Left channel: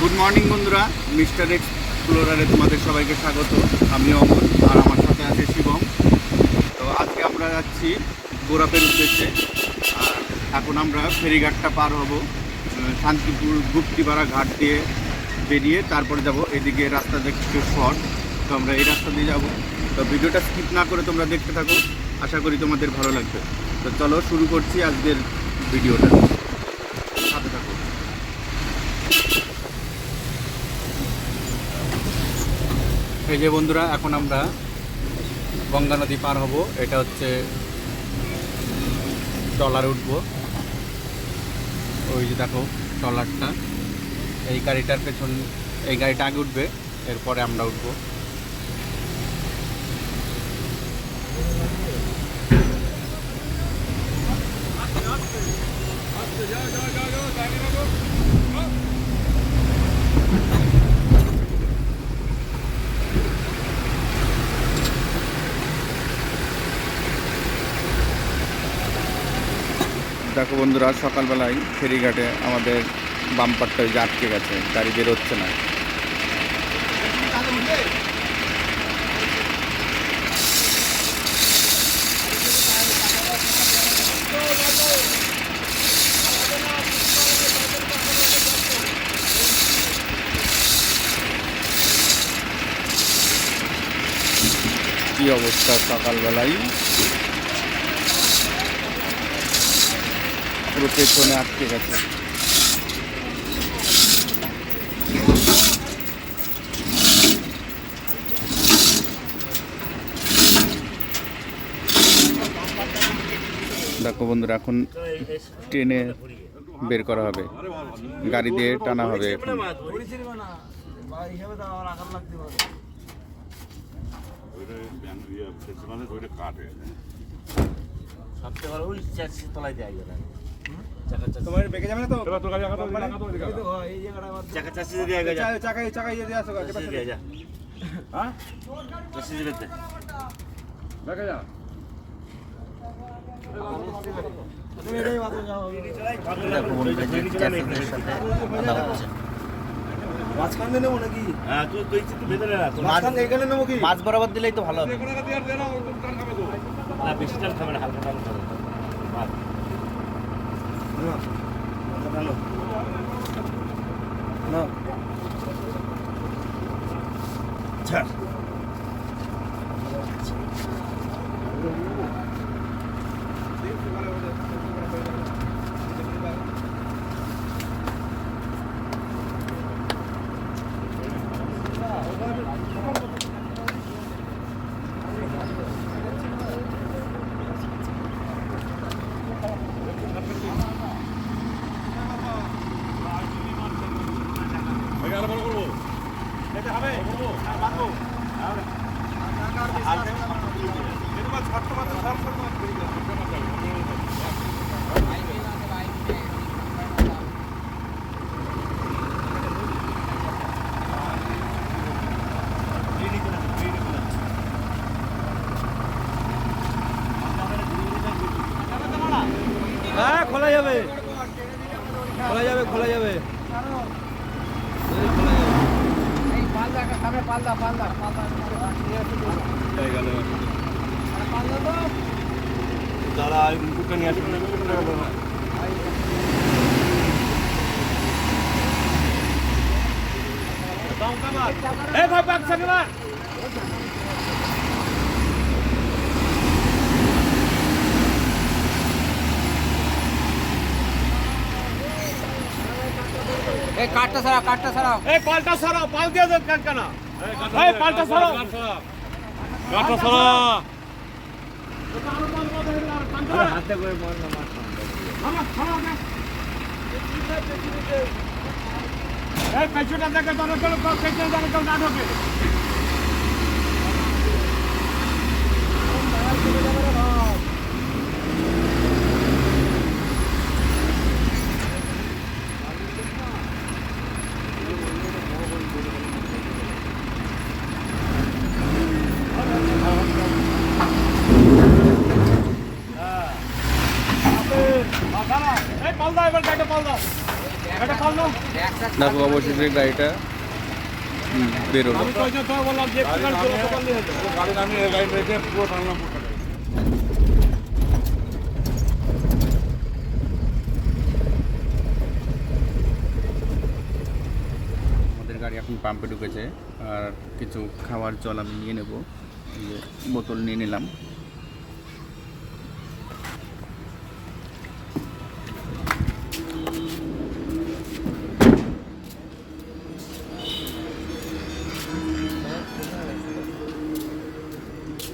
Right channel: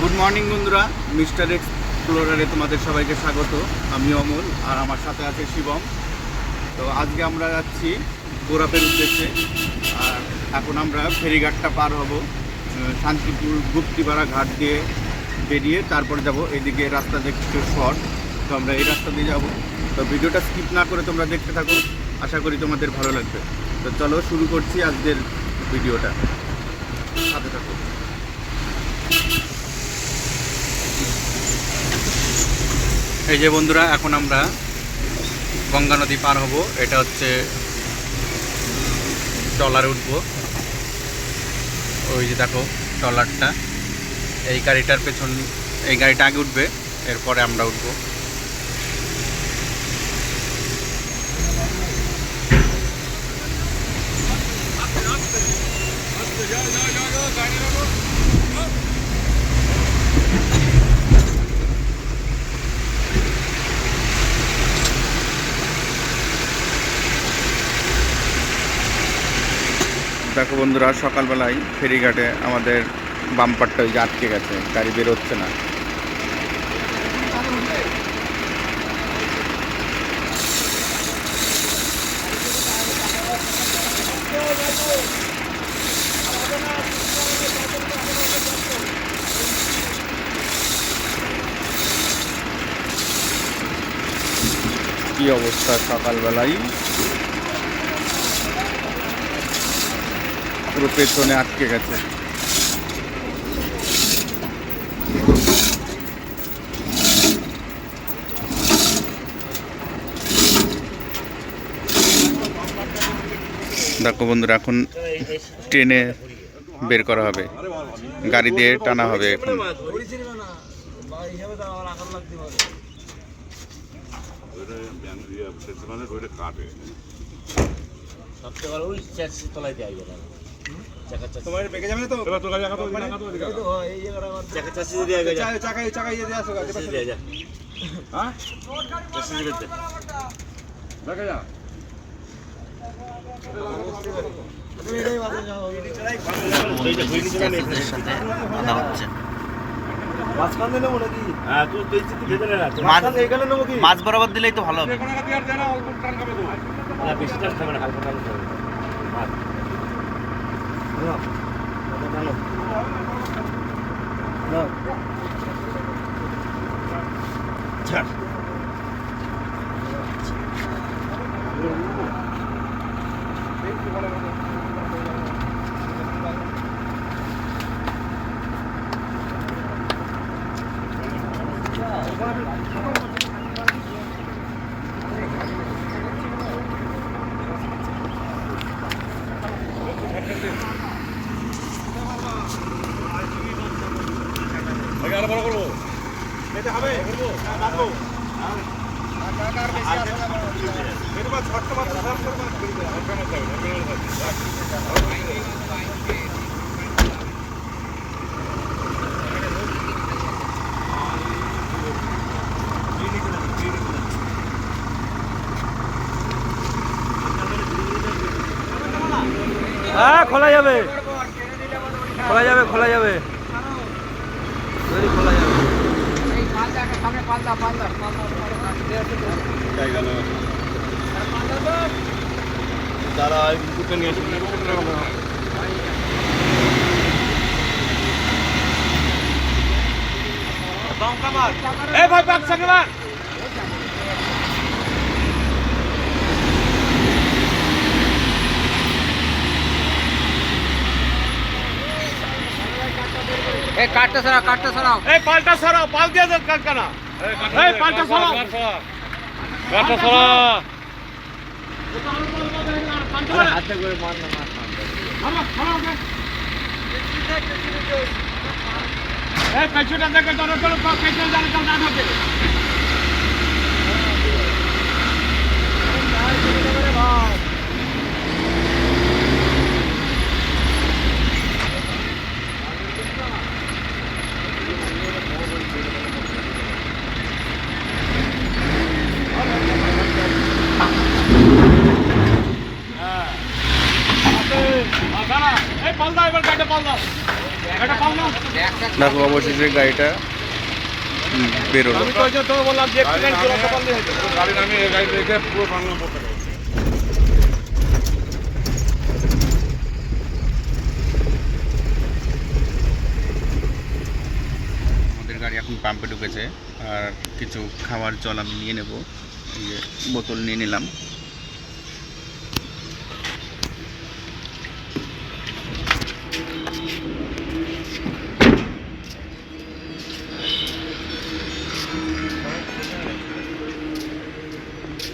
Good morning বন্ধুরা, mister X এক্সপ্লোরারে তোমাদের সবাইকে স্বাগত। আমি অমল, আর আমার সাথে আছে শিবম। তো আজকে আমরা যাচ্ছি গোরাপের উদ্দেশ্যে। আর এখন আমরা ফেরিঘাটটা পার হব শান্তিপুর গুপ্তিপাড়া ঘাট দিয়ে বেরিয়ে তারপরে যাব এদিকে রাস্তা দেখতে শর্ট তো আমরা এই রাস্তা দিয়ে যাব। তো ভিডিওটা স্কিপ না করে তোমরা দেখতে থাকো। আশা করি তোমাদের ভালো লাগবে। তো চলো শুরু করছি আজকের ভিডিওটা সাথে থাকো এই যে বন্ধুরা, এখন আমরা গঙ্গা নদী পার হব। এটা হচ্ছে ট্রলারে উঠব। ওই যে দেখো, ট্রলারটা। এই গাড়িটার পেছন, এই গাড়িটা আগে উঠবে, এরপরে আমরা উঠবো। দেখো বন্ধুরা, সকালবেলায় ফেরিঘাটে আমাদের বাম্পারটা ওই যে আটকে গেছে, গাড়ি বেরোচ্ছে না। কি অবস্থা সকালবেলায়? পুরো পেছনে আটকে গেছে। দেখো বন্ধুরা, এখন ট্রেনে বের করা হবে। গাড়ি দিয়ে টানা হবে এখন। সবচেয়ে ওই তলায় দেওয়া সাথে কথা হচ্ছে হ্যাঁ? মাছ বরাবর দিলেই তো ভালো হবে। কোনো আর দেনা অল্প টান না বেশি টান খাবে না হালকা টান খাবে। মাছ নাও মাথা টানো নাও ছাড় আগে আরও বড় করব এটা হবে করব হ্যাঁ বাঁধবো যাবে যাবে হ্যাঁ খোলা যাবে। খোলা যাবে খোলা যাবে। তাই গেল? যারা ইনপুটটা নিয়ে আসবে এই ভাই ব্যাগ সামনে না এই কাটতে সারা কাটতে সারাও এই পাল্টা সরাও পাল দিয়ে সরাও হাতে করে মার এই পেছনটা দেখে ধরো চলো পেছনে জানে কেউ না ঢোকে দাঁড়া এই পাল দাও এবার গাড়িটা পাল দাও গাড়িটা পাল দাও দেখো অবশেষে গাড়িটা উম, বেরোলো আমি তো ওই যে তো বললাম যে একটু গাড়ি চালাতে পারলে হতো গাড়ি নামিয়ে গাড়ি রেখে পুরো টানো আমাদের গাড়ি এখন পাম্পে ঢুকেছে, আর কিছু খাওয়ার জল আমি নিয়ে নেব। এই যে বোতল নিয়ে নিলাম।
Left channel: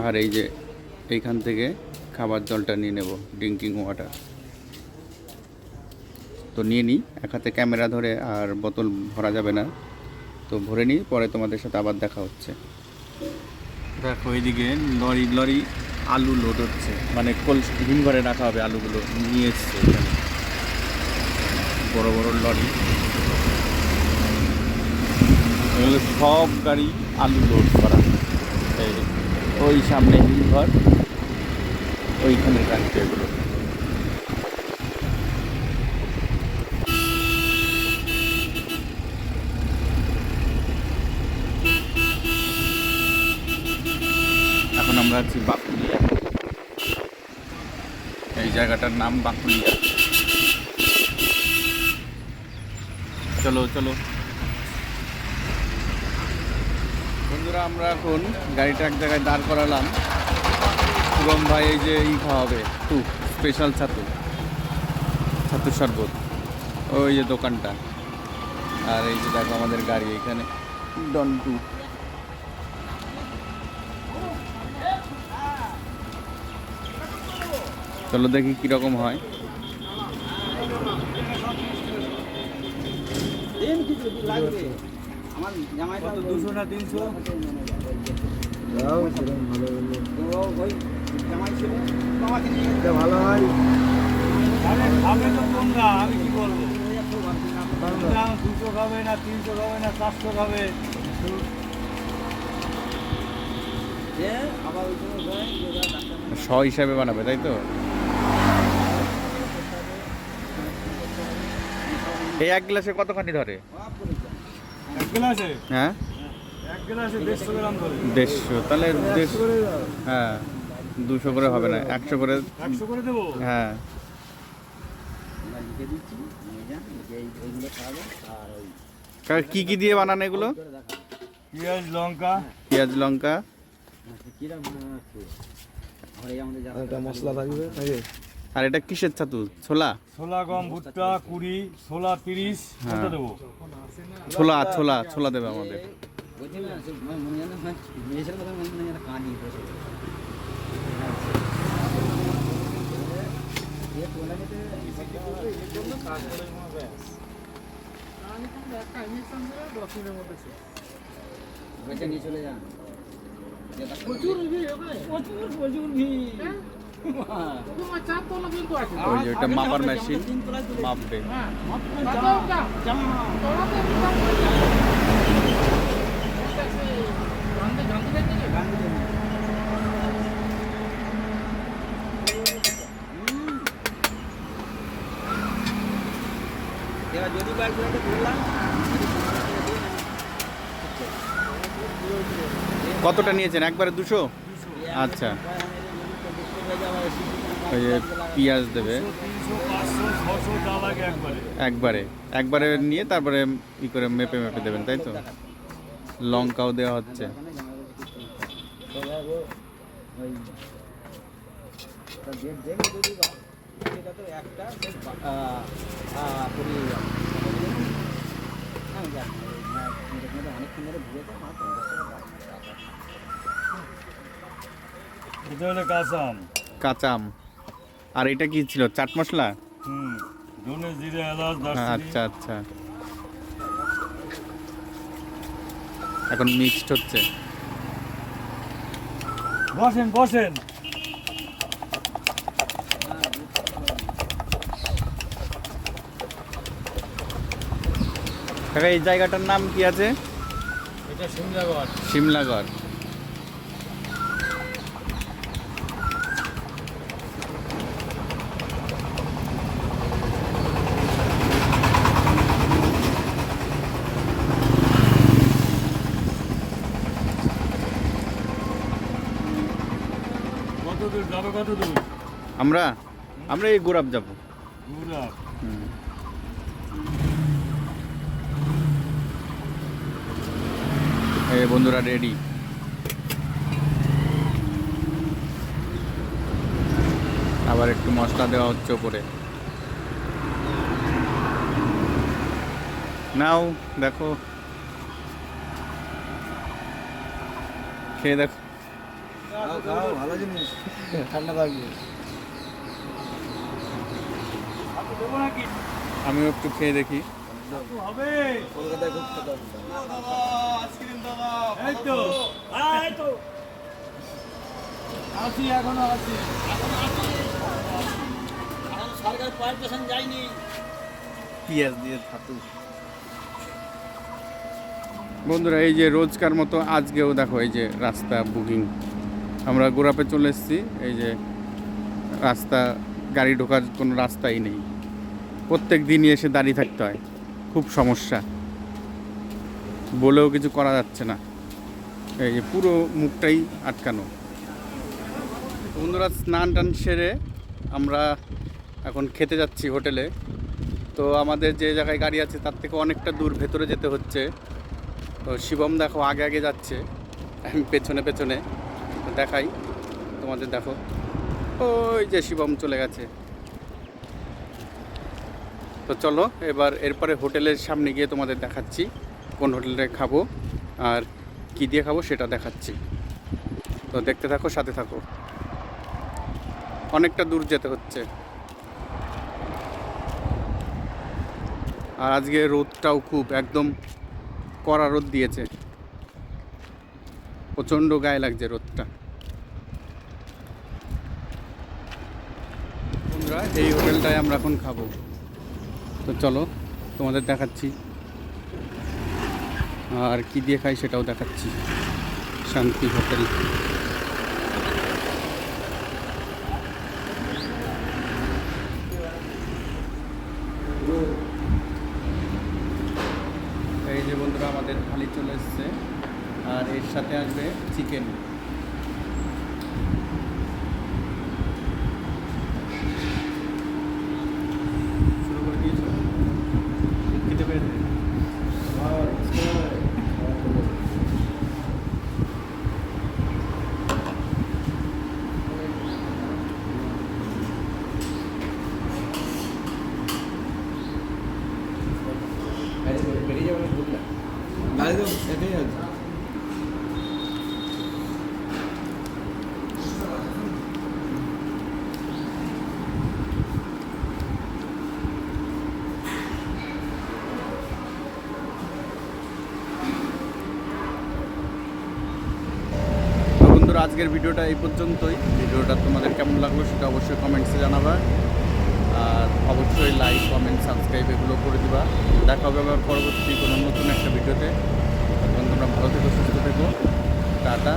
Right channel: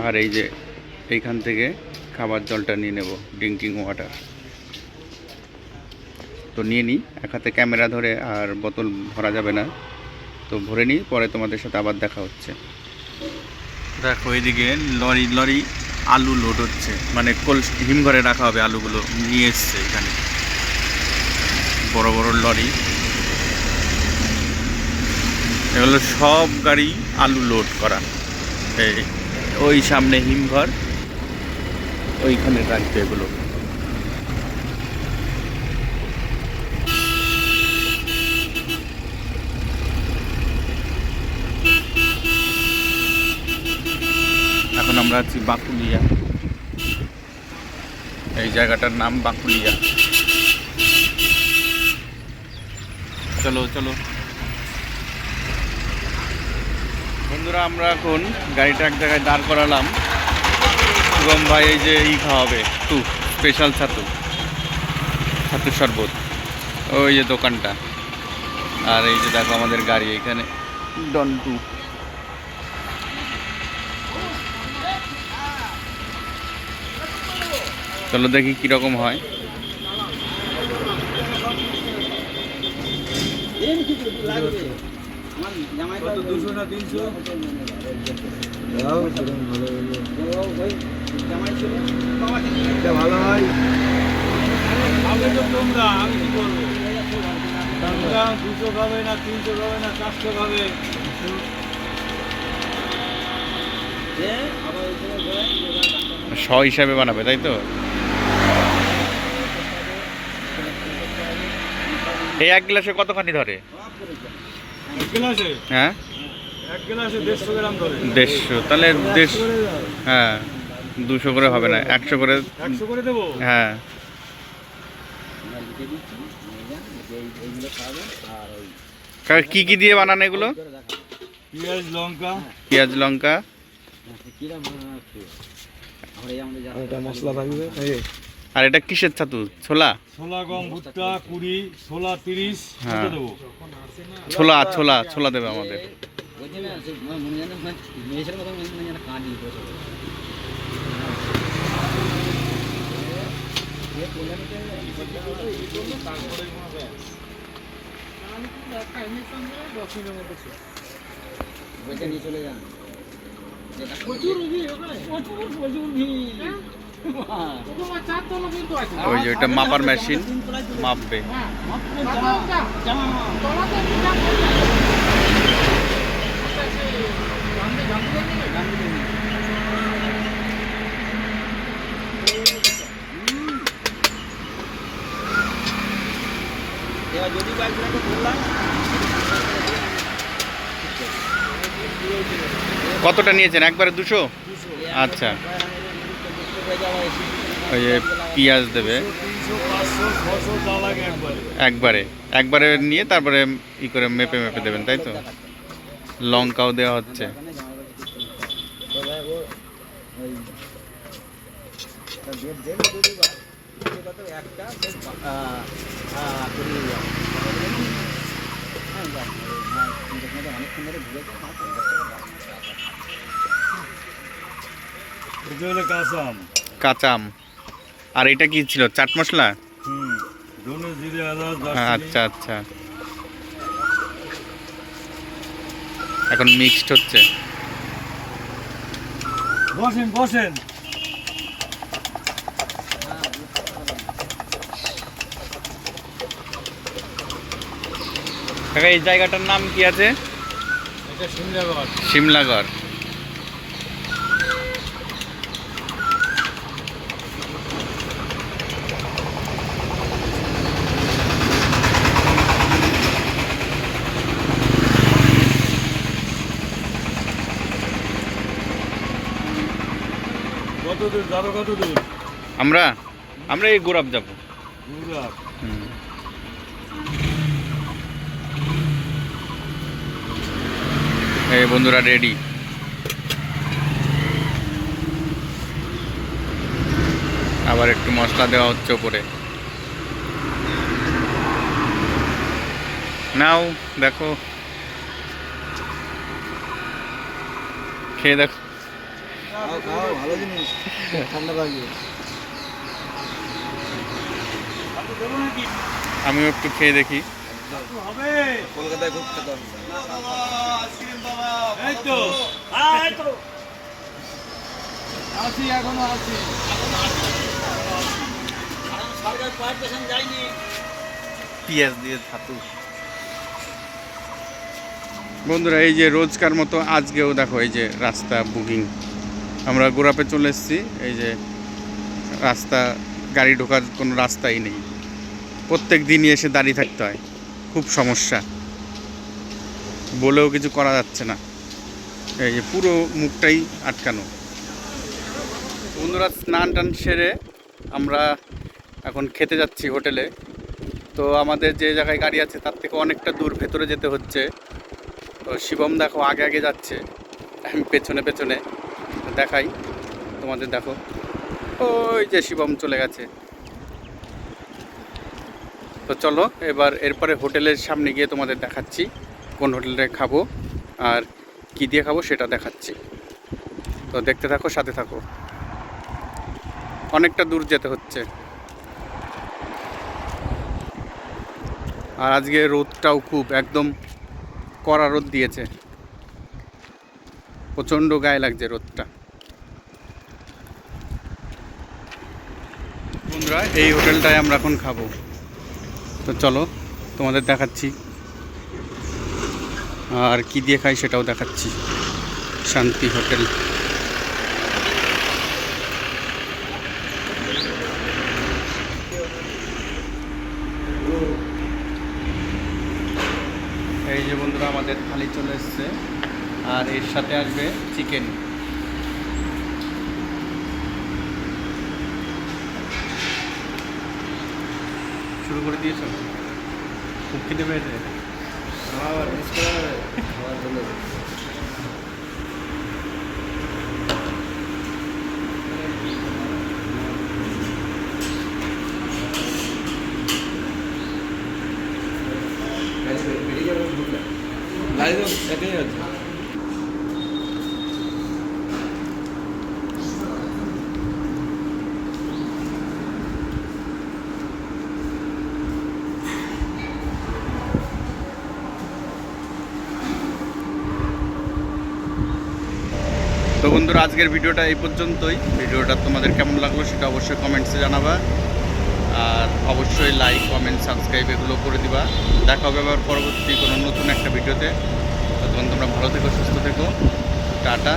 আর এই যে এইখান থেকে খাবার জলটা নিয়ে নেব ড্রিঙ্কিং ওয়াটার তো নিয়ে নিই, এক হাতে ক্যামেরা ধরে আর বোতল ভরা যাবে না। তো ভরে নিই, পরে তোমাদের সাথে আবার দেখা হচ্ছে। দেখো, এইদিকে লরি লরি আলু লোড হচ্ছে। মানে কোল্ড হিমঘরে রাখা হবে আলুগুলো নিয়ে এসছে এখানে। বড় বড় লরি। এগুলো সব গাড়ি আলু লোড করা। এই ওই সামনে হিমঘর, ওইখানে রাখছে এগুলো। এখন আমরা আছি বাকুলিয়া। এই জায়গাটার নাম বাকুলিয়া। চলো চলো। বন্ধুরা আমরা এখন গাড়িটা এক জায়গায় দাঁড় করালাম। শুভম ভাই এই যে ই খাওয়াবে তু স্পেশাল ছাতু। ছাতু শরবত। ওই যে দোকানটা। আর এই যে দেখো আমাদের গাড়ি এখানে। ডন টু চলো দেখি কীরকম হয়। দুশো না তিনশো? ভালো হয়। আরে খাবে তো তোমরা আমি কি করব? তোমরা দুশো খাবে না তিনশো খাবে না চারশো খাবে। শ হিসাবে বানাবে তাই তো? এই এক গ্লাসে কতখানি ধরে? হ্যাঁ? দেড়শো গ্রাম ধরে। দেড়শো হ্যাঁ দুশো করে হবে না একশো করে দেবো? হ্যাঁ। কি কি দিয়ে বানানো এগুলো? পেঁয়াজ লঙ্কা। পেঁয়াজ লঙ্কা। এটা মশলা থাকবে আর এটা কিসের ছাতু? ছোলা? ছোলা গম ভুট্টা কুড়ি ছোলা তিরিশ হ্যাঁ। ছোলা ছোলা ছোলা দেবে আমাদের। ওই যে ওইটা মাপার মেশিন মাপবে। কতটা নিয়েছেন? একবারে দুশো। আচ্ছা। ওই যে পেঁয়াজ দেবে। একবারে। একবারে নিয়ে তারপরে ই করে মেপে মেপে দেবেন, তাই তো? লঙ্কাও দেওয়া হচ্ছে। কাঁচাম কাঁচা আম। আর এটা কি ছিল? চাট মশলা। আচ্ছা আচ্ছা। এখন মিক্সড হচ্ছে। বসেন বসেন। এই জায়গাটার নাম কি আছে? এটা সিমলাগড় কত দূর যাবে কত দূর আমরা? আমরা এই গোরাপ যাব। হুম। এই বন্ধুরা রেডি আবার একটু মশলা দেওয়া হচ্ছে ওপরে। নাও দেখো। খেয়ে দেখো। খাও খাও ভালো জিনিস। ঠান্ডা লাগবে আমিও একটু খেয়ে দেখি। কলকাতায় খুব খেতাম আসি এখনও আসি। পেঁয়াজ দিয়ে ছাতু। বন্ধুরা এই যে রোজকার মতো আজকেও দেখো এই যে রাস্তা বুকিং আমরা গোড়াপে চলে এসেছি। এই যে রাস্তা, গাড়ি ঢোকার কোনো রাস্তাই নেই। প্রত্যেক দিনই এসে দাঁড়িয়ে থাকতে হয়। খুব সমস্যা। বলেও কিছু করা যাচ্ছে না। এই যে পুরো মুখটাই আটকানো। বন্ধুরা, স্নান টান সেরে আমরা এখন খেতে যাচ্ছি হোটেলে। তো আমাদের যে জায়গায় গাড়ি আছে, তার থেকে অনেকটা দূর ভেতরে যেতে হচ্ছে। তো শিবম দেখো আগে আগে যাচ্ছে। আমি পেছনে পেছনে দেখাই। তোমাদের দেখো। ওই যে শিবম চলে গেছে। তো চলো, এবার এরপরে হোটেলের সামনে গিয়ে তোমাদের দেখাচ্ছি, কোন হোটেলে খাব আর কি দিয়ে খাব সেটা দেখাচ্ছি। তো দেখতে থাকো, সাথে থাকো। অনেকটা দূর যেতে হচ্ছে। আর আজকে রোদটাও খুব, একদম কড়া রোদ দিয়েছে। প্রচণ্ড গায়ে লাগছে রোদটা। বন্ধুরা, এই হোটেলটায় আমরা এখন খাব। তো চলো, তোমাদের দেখাচ্ছি। আর কি দিয়ে খাই সেটাও দেখাচ্ছি। শান্তি হোটেল। এই যে বন্ধুরা, আমাদের খালি চলে এসছে। আর এর সাথে আসবে চিকেন। শুরু করে দিয়েছ? খিদে পেয়েছে। খাওয়ার খাওয়ার জন্য বেরিয়ে যাব ঢুকলে গাড়ি তো একাই আছে তো বন্ধুরা, আজকের ভিডিওটা এই পর্যন্তই। ভিডিওটা তোমাদের কেমন লাগল সেটা অবশ্যই কমেন্টসে জানাবা। আর অবশ্যই লাইক কমেন্ট সাবস্ক্রাইব এগুলো করে দিবা। দেখা হবে আবার পরবর্তী কোনো নতুন একটা ভিডিওতে। তখন তোমরা ভালো থেকো, সুস্থ থেকো। টাটা।